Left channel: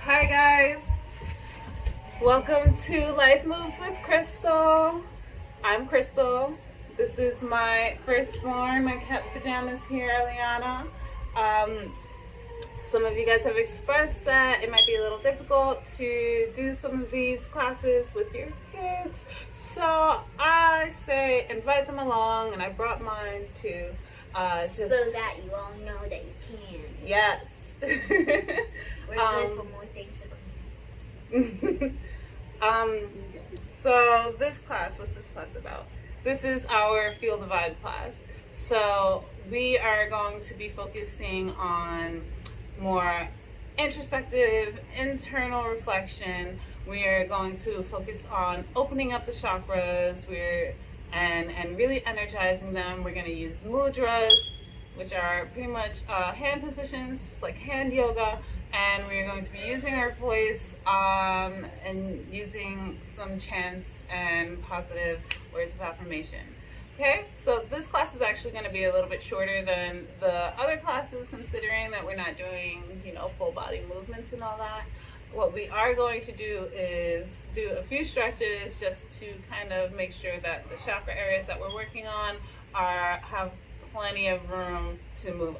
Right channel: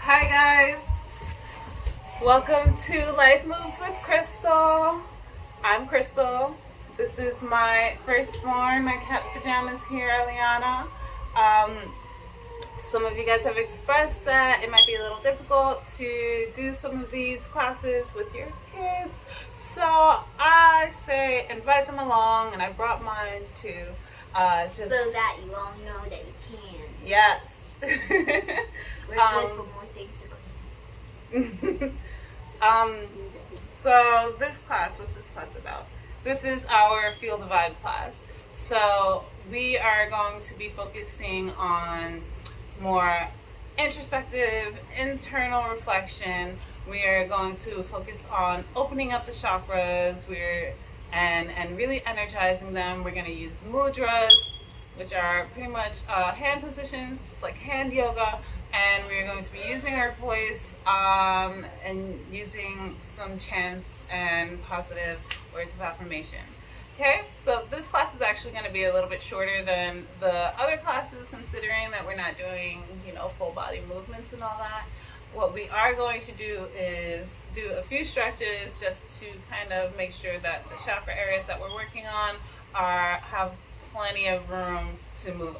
Hi guys, welcome to Life Moves with Crystal. I'm Crystal. This is my firstborn, my cat's pajamas here, Eliana. Some of you guys have expressed that it might be a little difficult to do some of these classes with your kids. So I say invite them along, and I brought mine too. So that you all know that you can. Yes. We're good for more things to clean. So this class, what's this class about? This is our Feel the Vibe class. So we are going to be focusing on more introspective, internal reflection. We are going to focus on opening up the chakras. And really energizing them. We're going to use mudras, which are pretty much hand positions, just like hand yoga. And we're going to be using our voice and using some chants and positive words of affirmation. Okay, so this class is actually going to be a little bit shorter than the other classes, considering that we're not doing, full body movements and all that. What we are going to do is do a few stretches just to kind of make sure that the chakra areas that we're working on have plenty of room to move.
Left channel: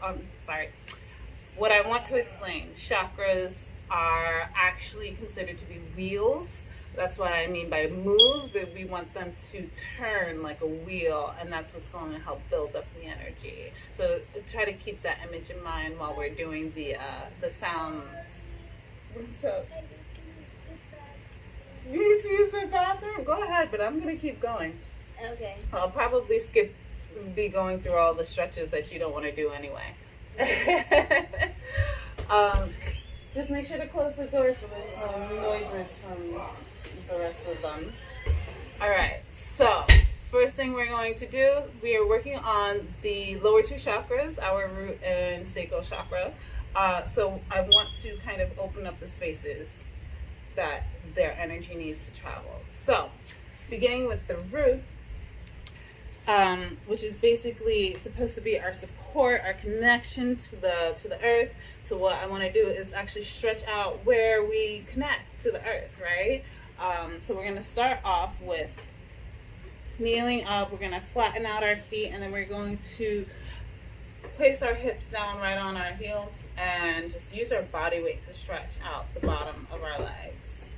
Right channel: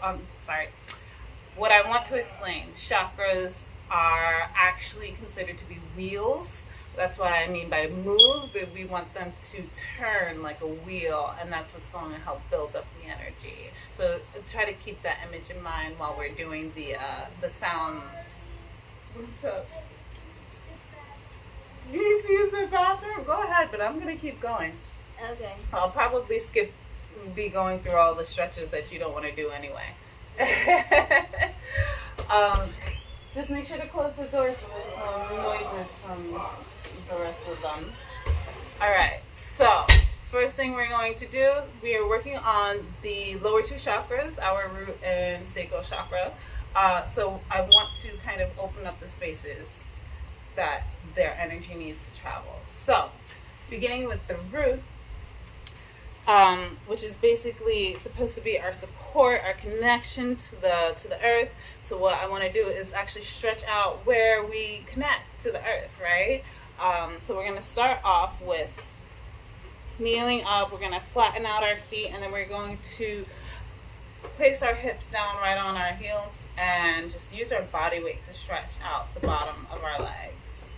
What I want to explain, chakras are actually considered to be wheels. That's what I mean by move, that we want them to turn like a wheel, and that's what's going to help build up the energy. So try to keep that image in mind while we're doing the sounds. What's up? You need to use the bathroom? Go ahead, but I'm going to keep going. Okay. I'll probably be going through all the stretches that you don't want to do anyway. Just make sure to close the door so there's no noises from the rest of them. Alright, so first thing we're going to do, we are working on the lower two chakras, our root and sacral chakra. So I want to kind of open up the spaces that their energy needs to travel. So, beginning with the root, which is basically supposed to be our support, our connection to the earth. So what I want to do is actually stretch out where we connect to the earth, right? So we're going to start off with kneeling up. We're going to flatten out our feet, and then we're going to place our hips down right on our heels and just use our body weight to stretch out the bottom of our legs.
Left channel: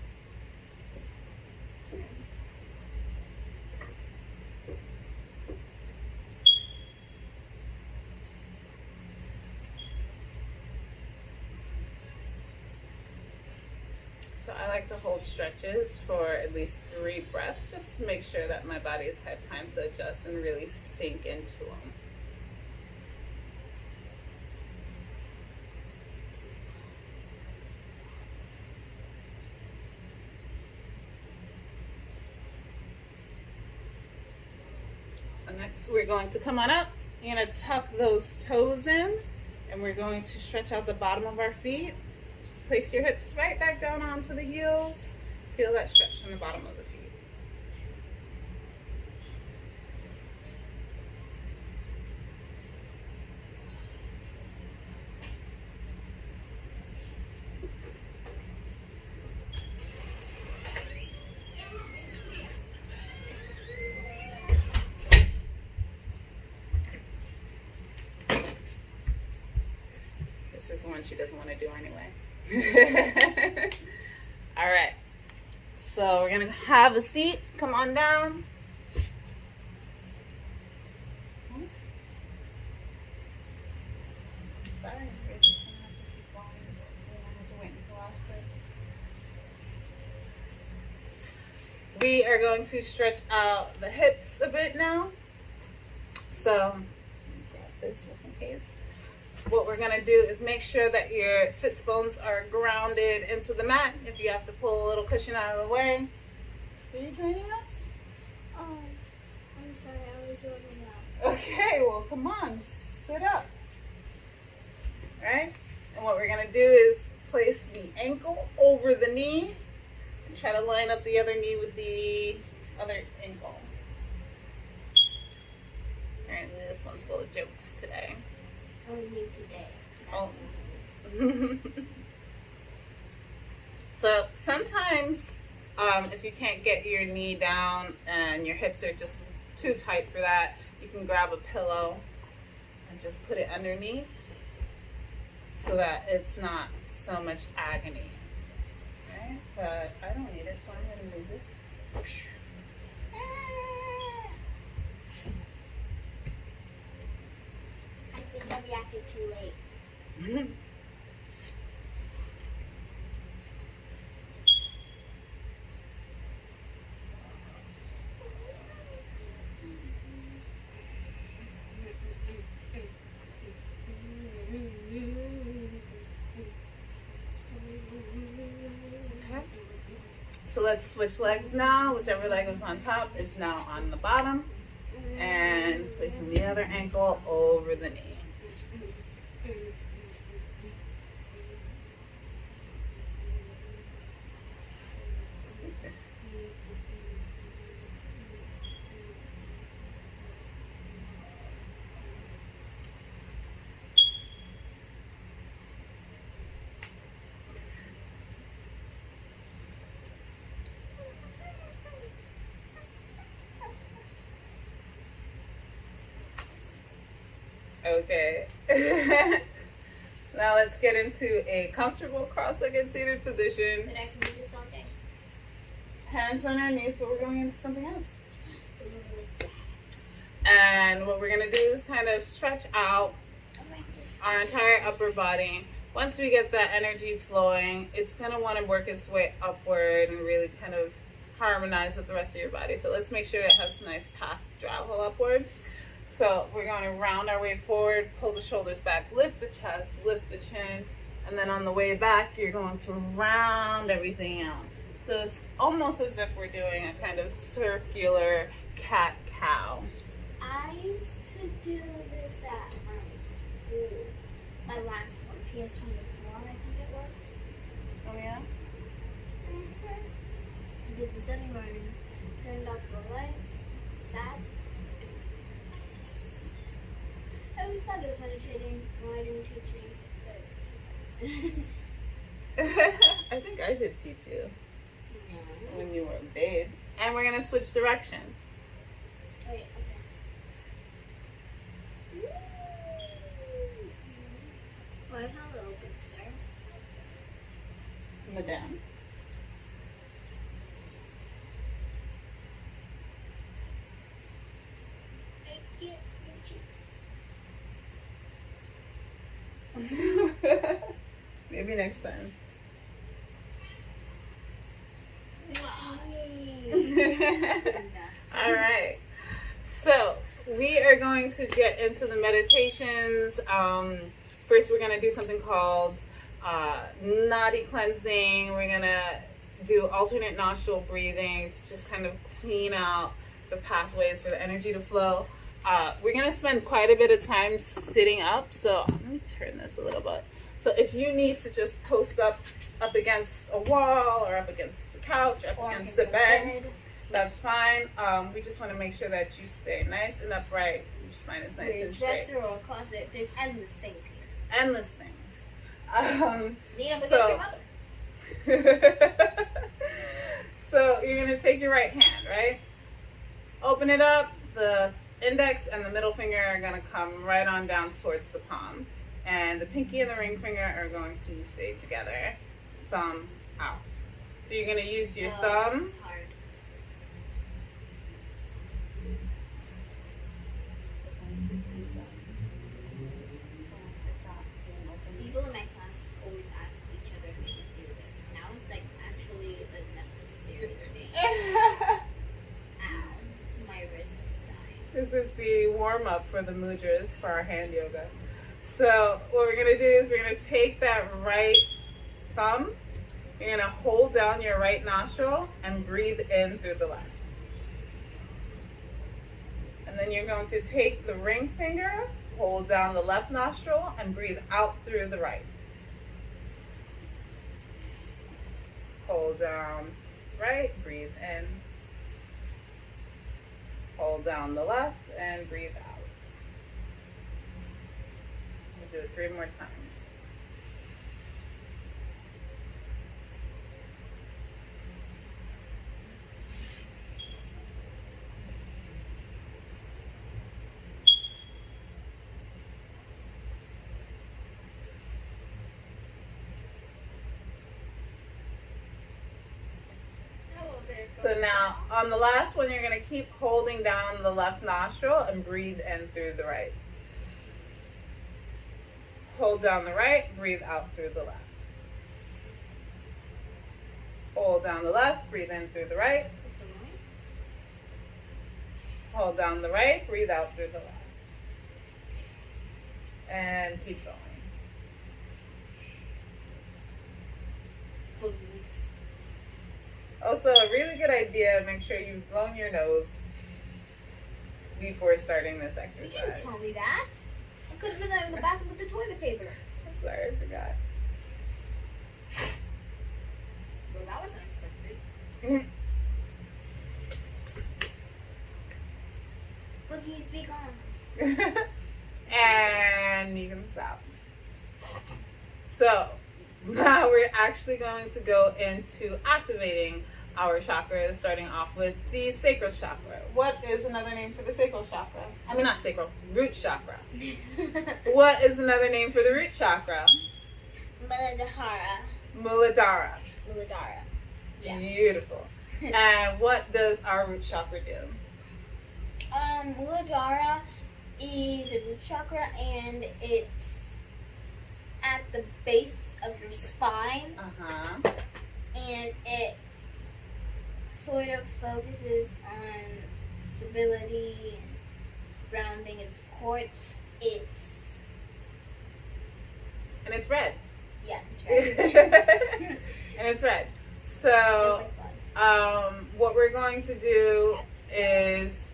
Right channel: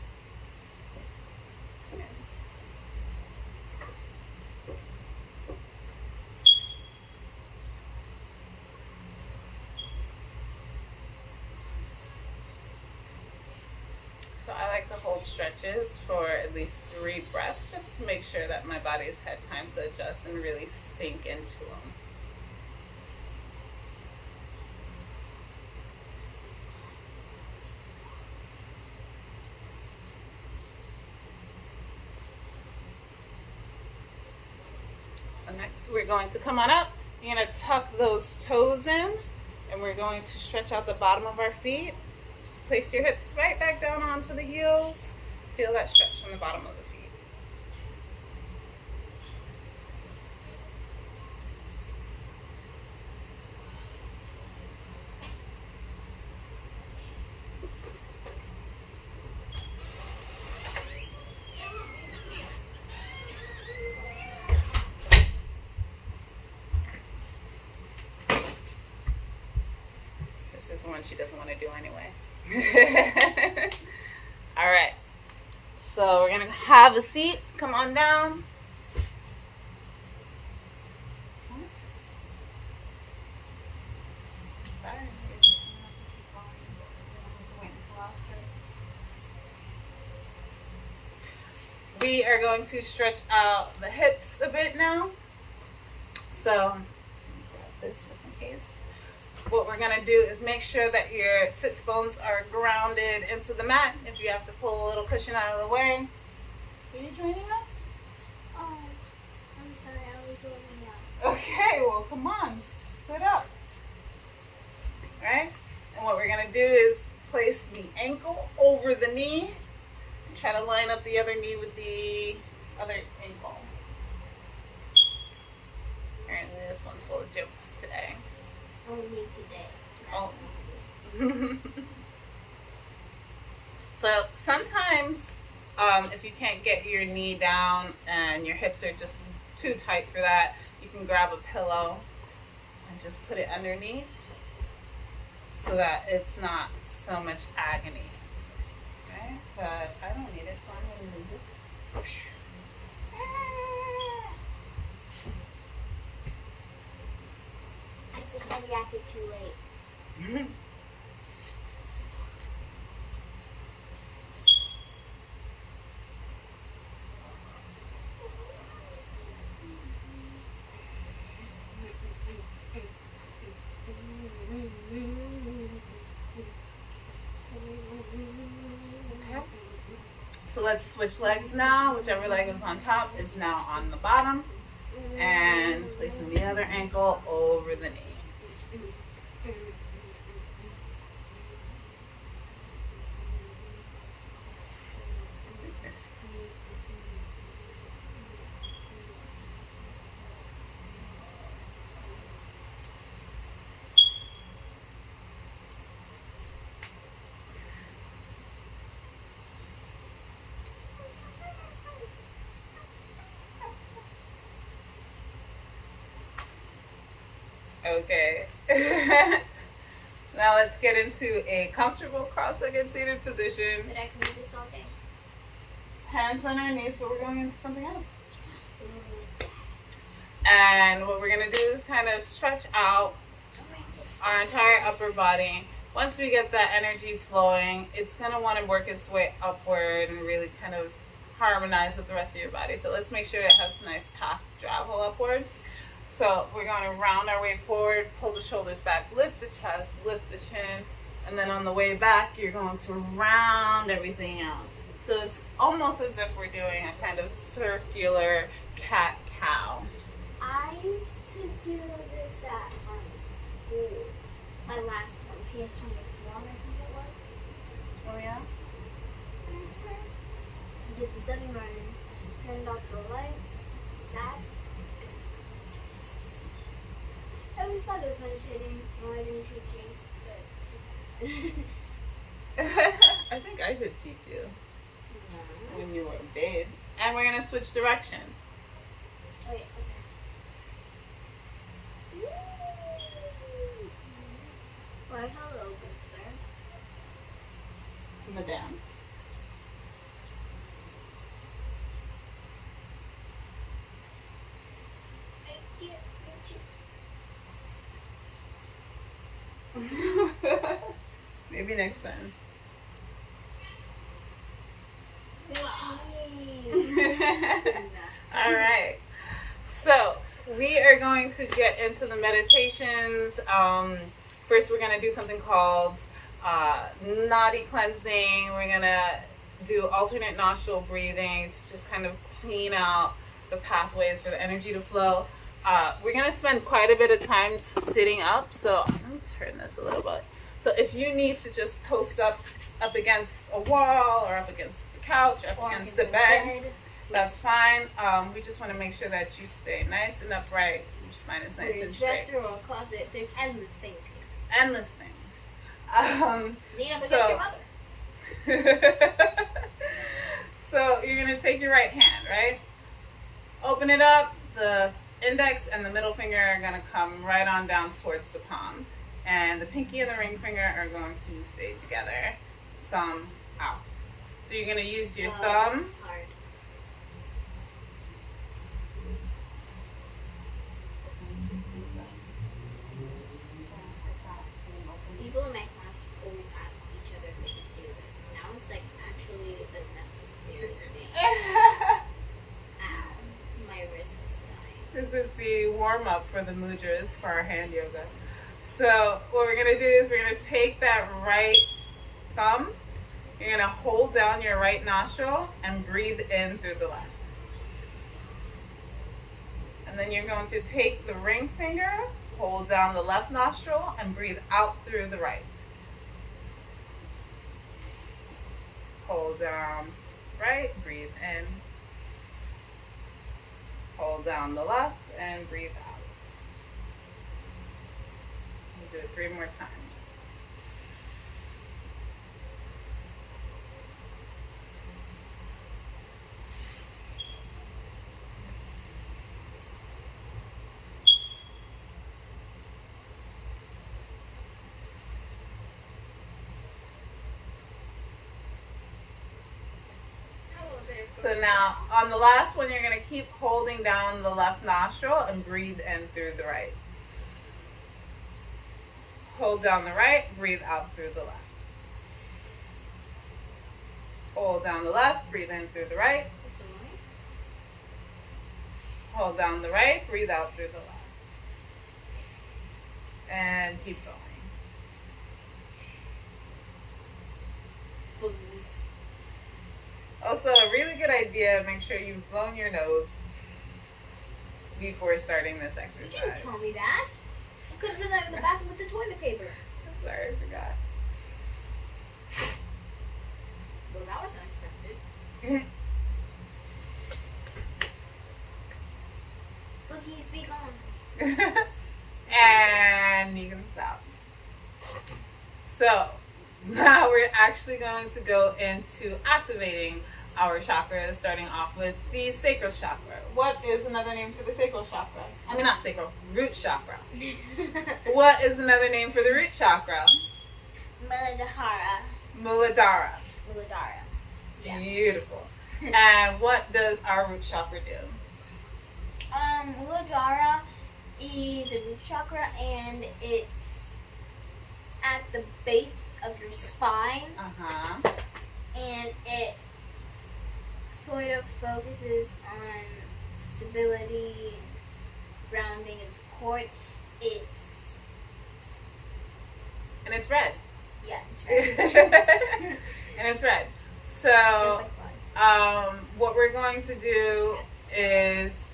So I like to hold stretches for at least 3 breaths just to make sure that my body's had time to adjust and really sink into them. Next, we're going to come on up. You're going to tuck those toes in, and we're going to stretch out the bottom of our feet. Just place your hips right back down onto the heels. Feel that stretch from the bottom of the feet. This is the one she doesn't want to do anyway. All right. So we're going to have a seat. Come on down. Sorry, you're just going to have to keep going. We don't have to wait until after. We are going to stretch out the hips a bit now. So, let me grab this just in case. What we're going to do is make sure that your sits bones are grounded into the mat. If you have to pull a little cushion out of the way. Are you joining us? Oh, I'm sorry, I was warming up. Okay, well, come on, sit up. Alright? And what we're going to do is place the ankle over the knee. And try to line up the other knee with the other ankle. Apparently this one's full of jokes today. Only today. Oh, So sometimes, if you can't get your knee down and your hips are just too tight for that, you can grab a pillow and just put it underneath so that it's not so much agony. Okay, but I don't need it, so I'm going to move this. I think I reacted too late. Okay. So let's switch legs now. Whichever leg is on top is now on the bottom. And placing the other ankle over the knee. Okay. Now let's get into a comfortable cross-legged seated position. But I can do this all day. Hands on our knees, but we're going into something else. And what we're going to do is kind of stretch out our entire upper body. Once we get that energy flowing, it's going to want to work its way upward and really kind of harmonize with the rest of your body. So let's make sure it has a nice path to travel upward. So we're going to round our way forward, pull the shoulders back, lift the chest, lift the chin, and then on the way back, you're going to round everything out. So it's almost as if we're doing a kind of circular cat-cow. I used to do this at my school. My last one, PS24, I think it was. Oh yeah? I did this every morning. Turned off the lights, sat. I always thought it was meditating. No, I didn't teach you. I think I did teach you when you were a babe. And we're going to switch direction. Oh, yeah, okay. Well, hello, good sir. Madame. I can't reach it. Maybe next time. All right. So we are going to get into the meditations. First, we're going to do something called nadi cleansing. We're going to do alternate nostril breathing to just kind of clean out the pathways for the energy to flow. We're going to spend quite a bit of time sitting up. So let me turn this a little bit. So if you need to just post up against a wall or up against the couch, up against the bed, that's fine. We just want to make sure that you stay nice and upright. Your spine is nice and straight. Dresser or closet, there's endless things here. Endless things. Lean up against your mother. So you're going to take your right hand, right? Open it up. The index and the middle finger are going to come right on down towards the palm. And the pinky and the ring finger are going to stay together. Thumb out. So you're going to use your thumb. This is hard. People in my class always ask each other if they can do this. Now it's like actually a necessary thing. Ow. My wrist is dying. This is the warm-up for the mudras for our hand yoga. So what we're going to do is we're going to take that right thumb. You're going to hold down your right nostril and breathe in through the left. And then you're going to take the ring finger, hold down the left nostril, and breathe out through the right. Hold down right, breathe in. Hold down the left and breathe out. We'll do it 3 more times. So now on the last one, you're going to keep holding down the left nostril and breathe in through the right. Hold down the right, breathe out through the left. Hold down the left, breathe in through the right. Hold down the right, breathe out through the left. And keep going. Also, a really good idea, make sure you've blown your nose before starting this exercise. You didn't tell me that. I could have done that in the bathroom with the toilet paper. I'm sorry, I forgot. Well, that was unexpected. Boogie, speak on. And you can stop. So, now we're actually going to go into activating our chakras, starting off with the sacral chakra. What is another name for the sacral chakra? I mean, not sacral, root chakra. What is another name for the root chakra? Muladhara. Muladhara. Muladhara. Yeah. Beautiful. And what does our root chakra do? Muladhara is a root chakra, and it's at the base of your spine. And it sort of focuses on stability and grounding and support. And it's red. Yeah, it's red. And it's red. So, Just like blood. What we're going to do is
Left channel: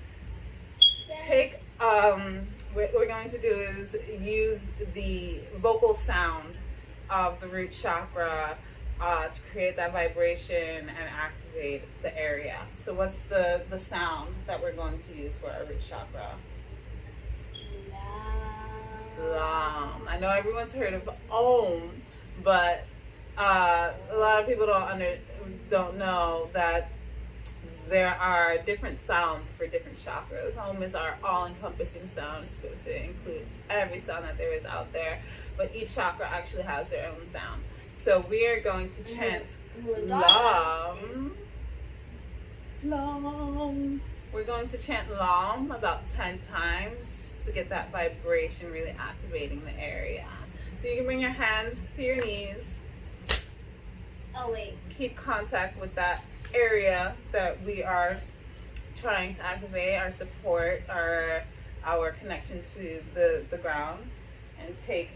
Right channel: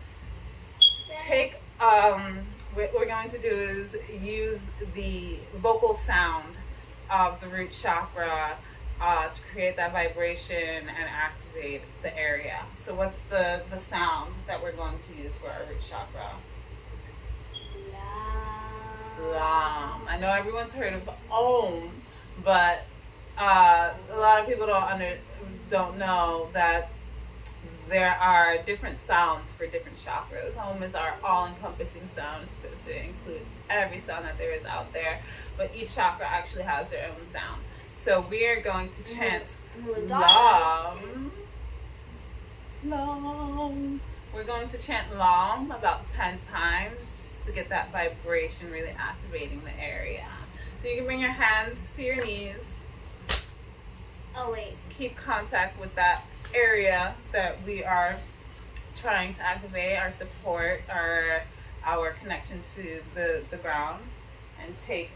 take, what we're going to do is use the vocal sound of the root chakra to create that vibration and activate the area. So what's the sound that we're going to use for our root chakra? Lam. I know everyone's heard of Om, but a lot of people don't know that there are different sounds for different chakras. Om is our all-encompassing sound. It's supposed to include every sound that there is out there, but each chakra actually has their own sound. So we are going to chant Lam. Lam. We're going to chant Lam about 10 times to get that vibration really activating the area. So you can bring your hands to your knees. Oh, wait. Keep contact with that area that we are trying to activate, our support, our connection to the ground, and take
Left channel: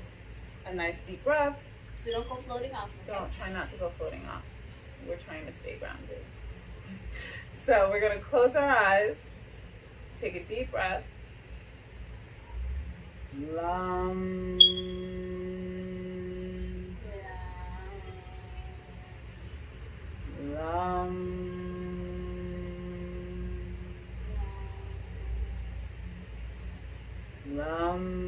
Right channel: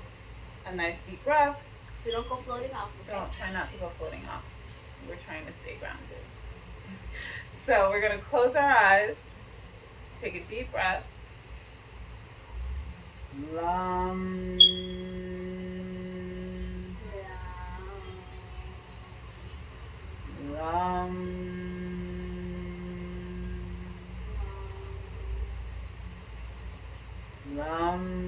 a nice deep breath. So don't go floating off. Okay? Don't try not to go floating off. We're trying to stay grounded. So we're going to close our eyes, take a deep breath. Lam. Lam. Lam.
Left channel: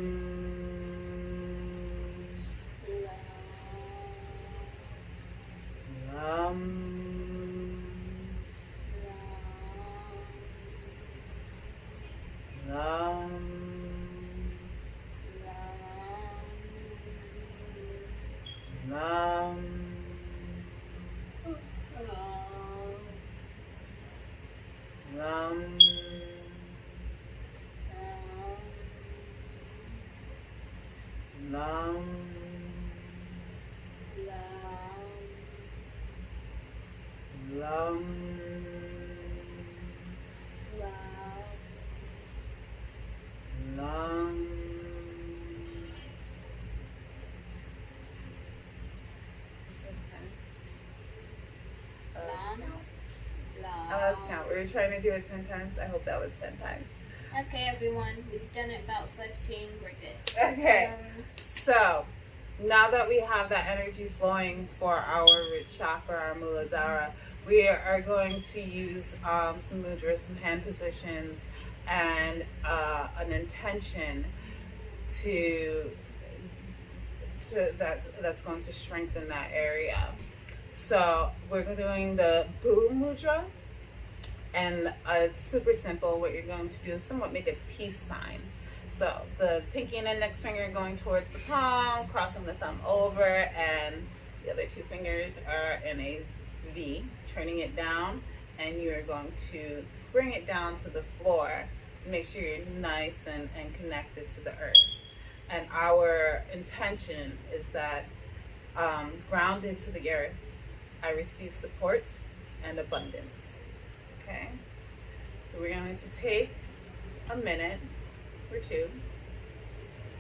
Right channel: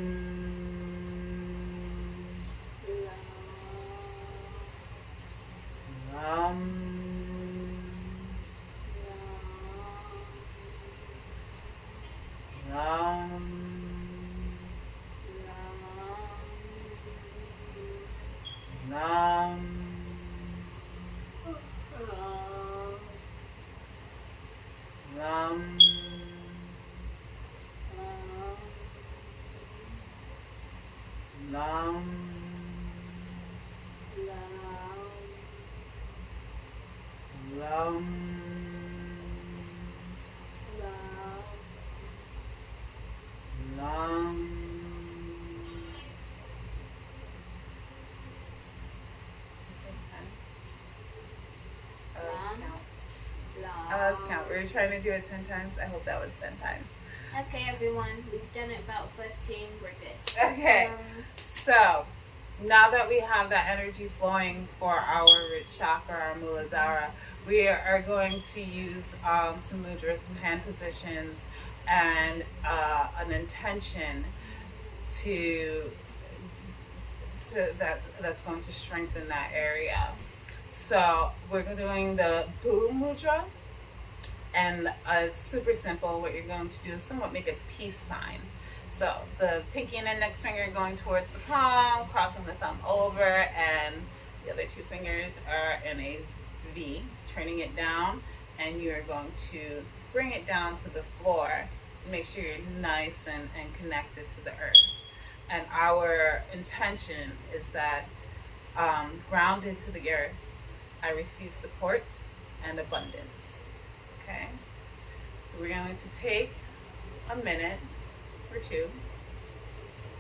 Let's count. We were trying to do it 10 times. I hope that was 10 times. Okay, everyone. We've done it about 15. We're good. Okay. So, now that we have that energy flowing for our root chakra, our Muladhara, we are going to use some mudras, some hand positions, and an intention that's going to strengthen that area. So we're doing the boom mudra, and it's super simple. What you're going to do is somewhat make a peace sign. So the pinky and index finger are going towards the palm, crossing the thumb over, and the other two fingers are in a V, turning it down and you're going to bring it down to the floor. Make sure you're nice and connected to the earth. And our intention is that grounded to the earth, I receive support and abundance. Okay? So we're going to take a minute or two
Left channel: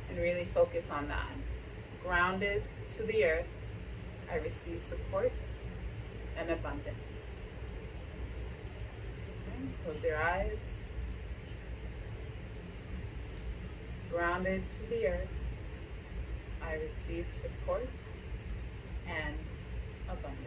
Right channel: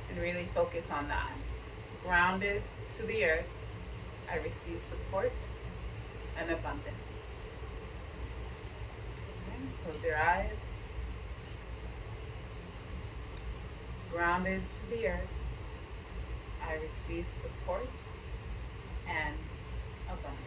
and really focus on that. Grounded to the earth, I receive support and abundance. Okay? Close your eyes. Grounded to the earth, I receive support and abundance.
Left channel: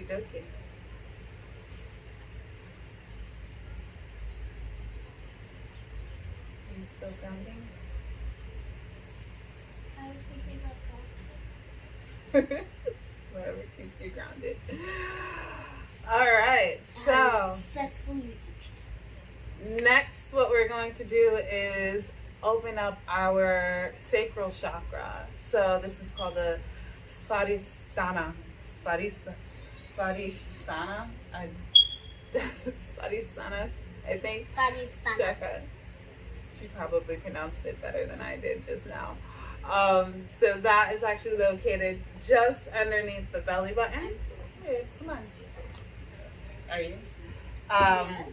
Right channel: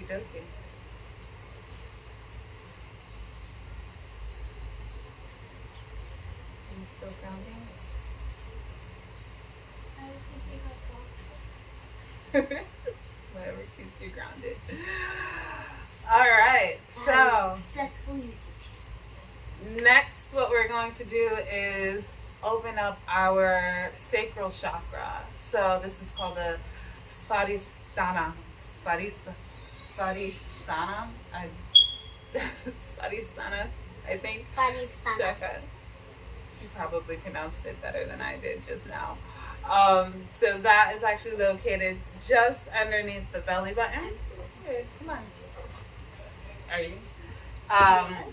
Okie dokie. Are you still grounding? I was thinking about coffee. Whatever keeps you grounded. All right, I have a so successful YouTube channel. next what we're going to do is open up our sacral chakra. So this is called the Svadhisthana. Svadhisthana? Svadhisthana, I think. Pakistan. Chakra. She probably pronounced it better than I did just now. So that is actually located just underneath the belly button. Hey, come on. Are you? Yes.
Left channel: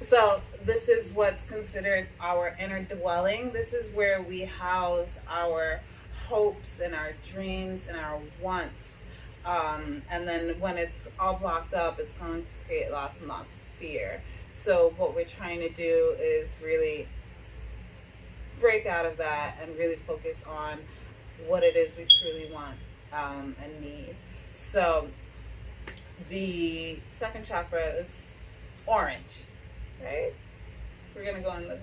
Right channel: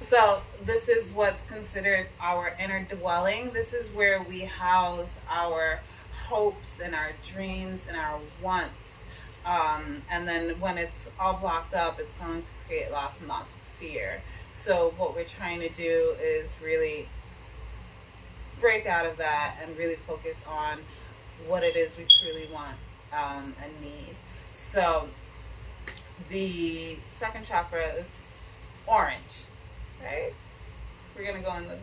So this is what's considered our inner dwelling. This is where we house our hopes and our dreams and our wants. And then when it's all blocked up, it's going to create lots and lots of fear. So what we're trying to do is really break out of that and really focus on what it is we truly want and need. So the second chakra, it's orange, right? We're gonna go in the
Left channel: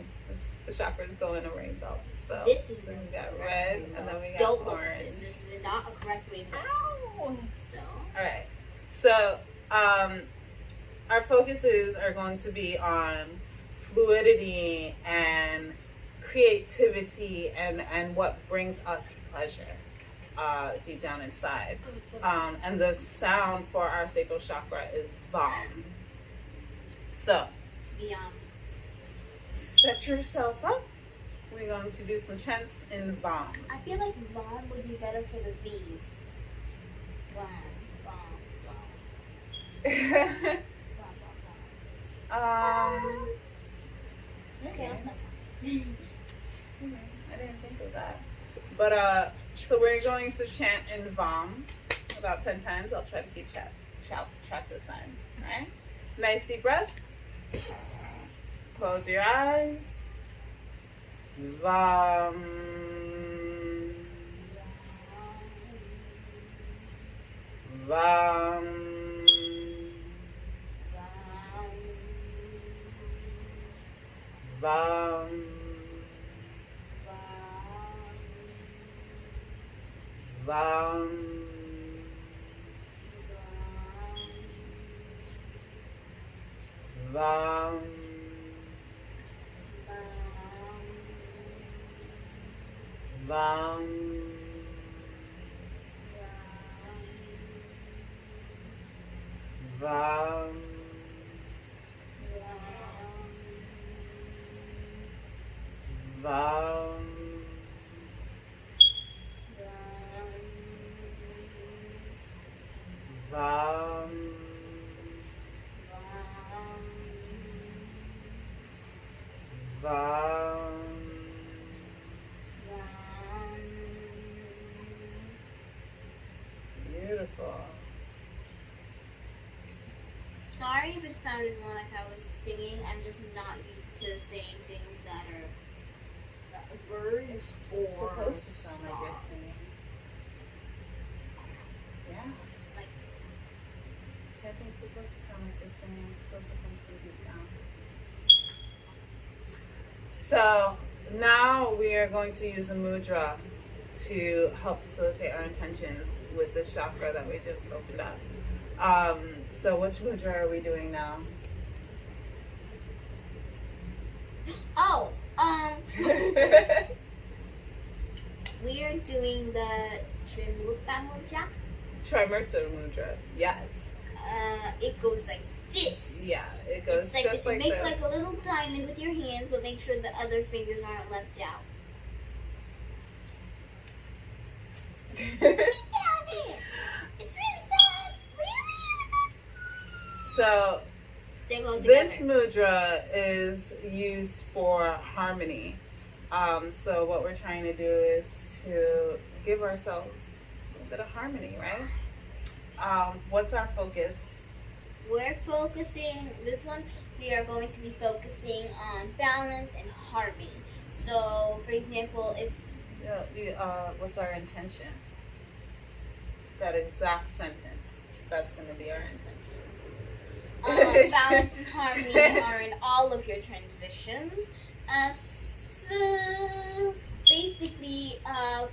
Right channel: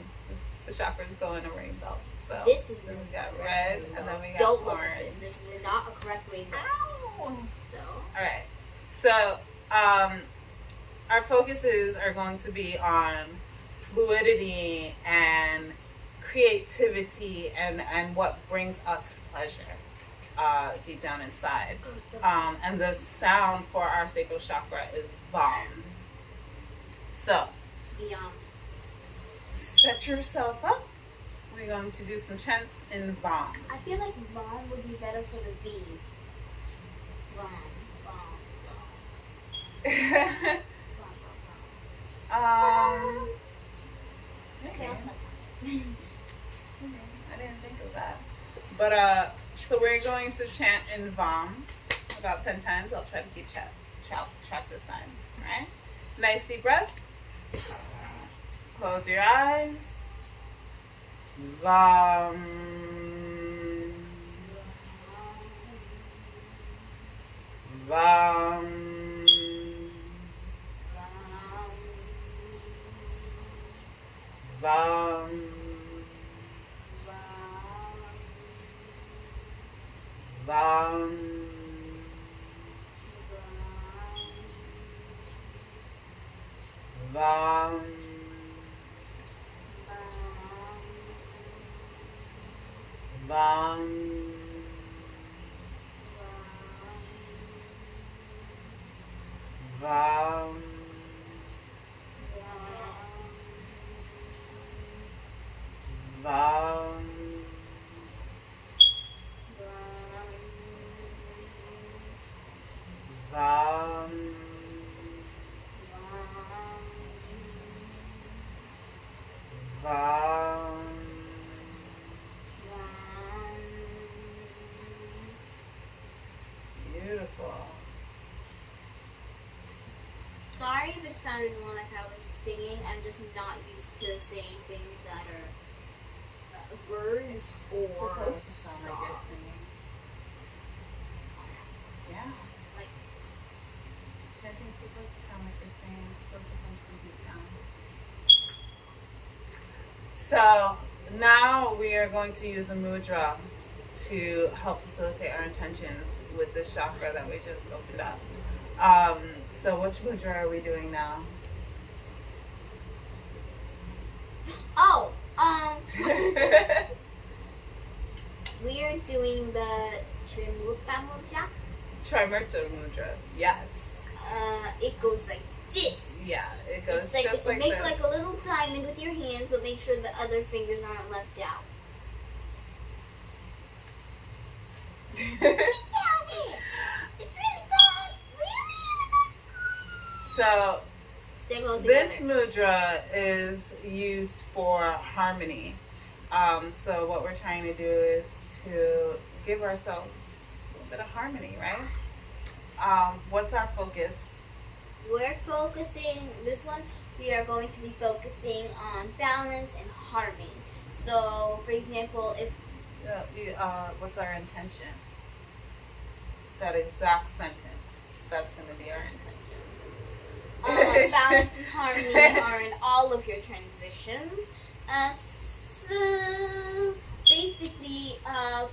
chakras go in a rainbow. So This is then we got red and then we got Don't look at orange. this. This is not a correct rainbow. Ow! So, All right. So our focuses are going to be on fluidity and creativity and what brings us pleasure deep down inside. And the sound for our sacral chakra is Vam. So beyond. set yourself up. We're going to do some chants in Vam. I feel like Vaughn would be better for the V's. Vaughn, Vaughn, Vaughn. Okay, I'll stop. I didn't think of that. But so we're going to chant in Vam about 10 times. I'll try to keep track this time. Alright? Nice deep breath. Close your eyes. Vam. Vam. Vam. Vam. Bam. Bam. Bam. Bam. Bam. Bam. Beautiful. Sorry if it sounded more like I was singing. I'm just not used to saying things that are words or Supposed to sound like you're songs. singing. Yeah. Like, Chanting's supposed to sound like you're singing. It's supposed to come from deep down. So now we are going to use a mudra to help facilitate our intentions with this chakra that we just opened up. So which mudra are we doing now? oh, we are doing the Trimuta Mudra. Trimurta mudra. Yes. It goes like this. Yeah, it goes It's like just like make this. like a little diamond with your hands, but make sure the other fingers aren't left out. Get down here. It's really bad. Really? So Stay close this together. mudra is used for harmony. So what we're trying to do is to give ourselves a little bit of harmony, right? What's our focus? We're focusing, this one, we are going to be focusing on balance and harmony. So, for example, if What's our intention? That exact sentence. That's going to be our intention. balance and harmony are in all of your transitions. So, basically,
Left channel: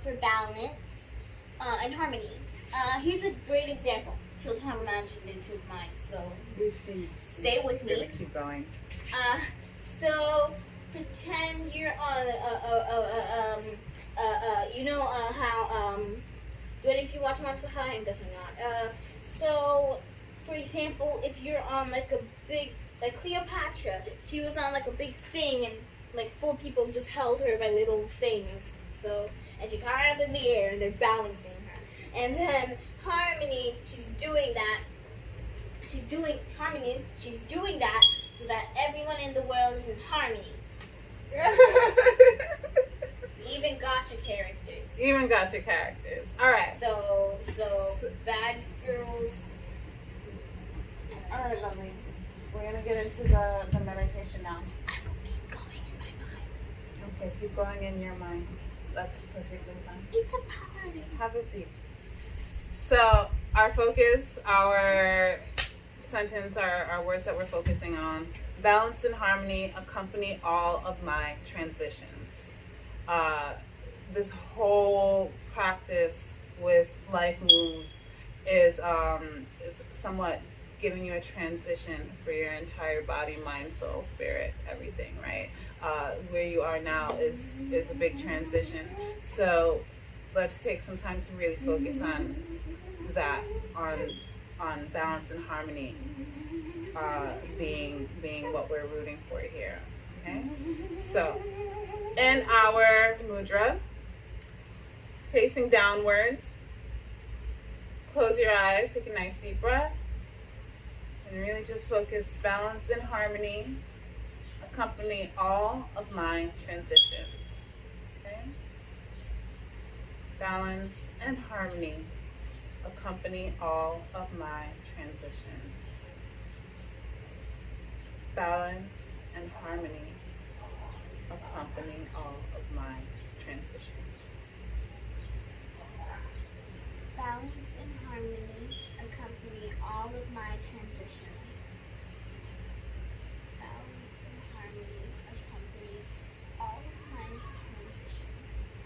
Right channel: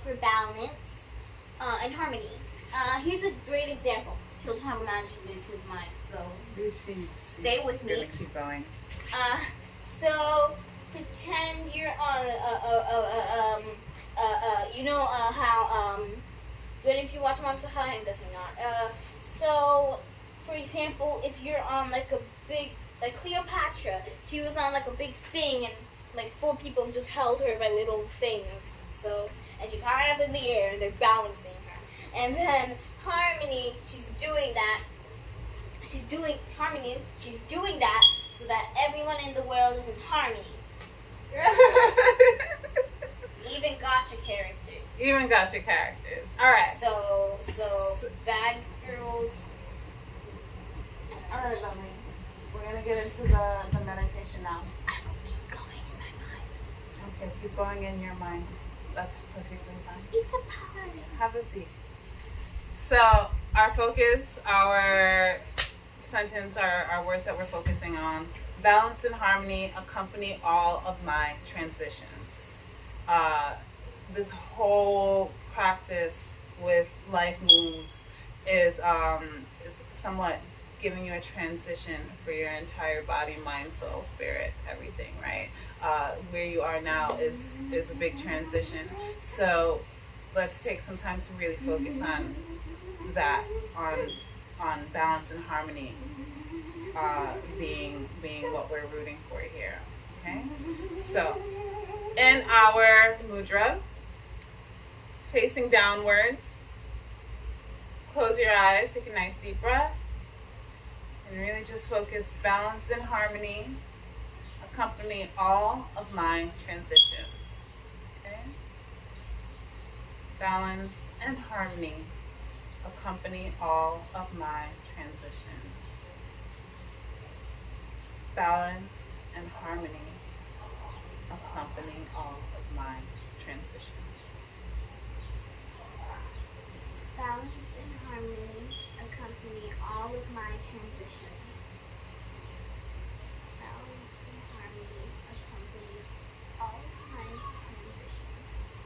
for balance and harmony, here's a great example. Children have imaginative minds, so stay with me. Gonna keep going. So pretend you're on you know how what if you watch Monster High and doesn't not so for example, if you're on like a big, like Cleopatra, she was on like a big thing and like 4 people just held her by little things, so, and she's high up in the air and they're balancing her. And then Harmony, she's doing that so that everyone in the world is in harmony. Even gotcha characters. Even gotcha characters. All right. So bad girls. All right, lovely. We're gonna get into the meditation now. I will keep going in my mind. Okay, keep going in your mind. That's perfectly fine. It's a party. Have a seat. So our focus, our sentence, our words that we're focusing on: balance and harmony accompany all of my transitions. This whole practice with life moves is somewhat giving you a transition for your entire body, mind, soul, spirit, everything, right? Where you are now is a big transition. So let's take some time to really focus on that, on balance and harmony being what we're rooting for here. Okay? So in our mudra, facing downwards, close your eyes, take a nice deep breath, and really just focus. Balance and harmony accompany all of my transitions. Okay? Balance and harmony accompany all of my transitions. Balance and harmony accompany all of my transitions. Balance and harmony accompany all of my transitions. Balance and harmony accompany all of my transitions.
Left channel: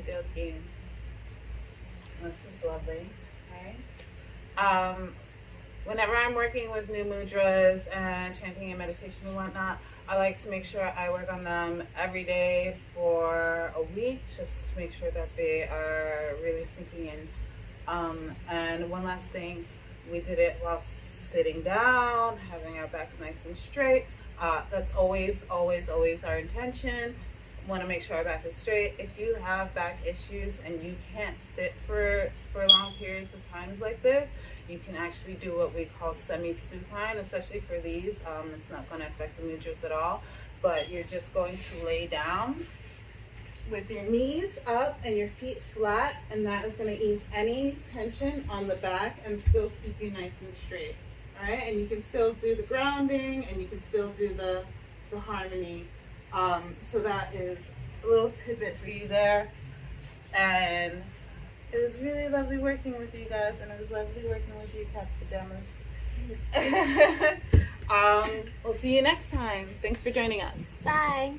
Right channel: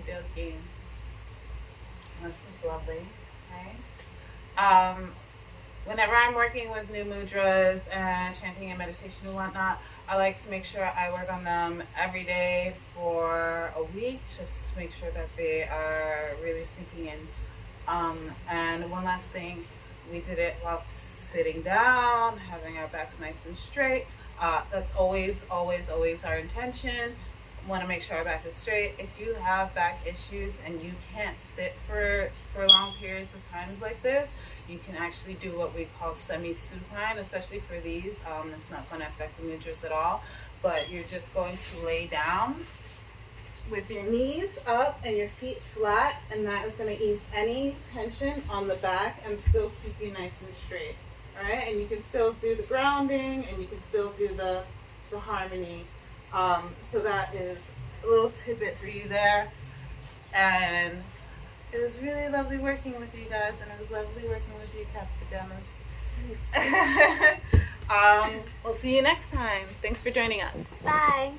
Okie dokie. This is lovely, right? Whenever I'm working with new mudras and chanting and meditation and whatnot, I like to make sure I work on them every day for a week, just to make sure that they are really sinking in. And one last thing, we did it while sitting down, having our backs nice and straight. That's always, always, always our intention. Want to make sure our back is straight. If you have back issues and you can't sit for long periods of times like this, you can actually do what we call semi-supine, especially for these. It's not going to affect the mudras at all, but you're just going to lay down with your knees up and your feet flat, and that is going to ease any tension on the back and still keep you nice and straight. All right, and you can still do the grounding and you can still do the harmony. So that is a little tidbit for you there. And it was really lovely working with you guys, and it was lovely working with you, Cat's Pajamas. We'll see you next time. Thanks for joining us. Bye.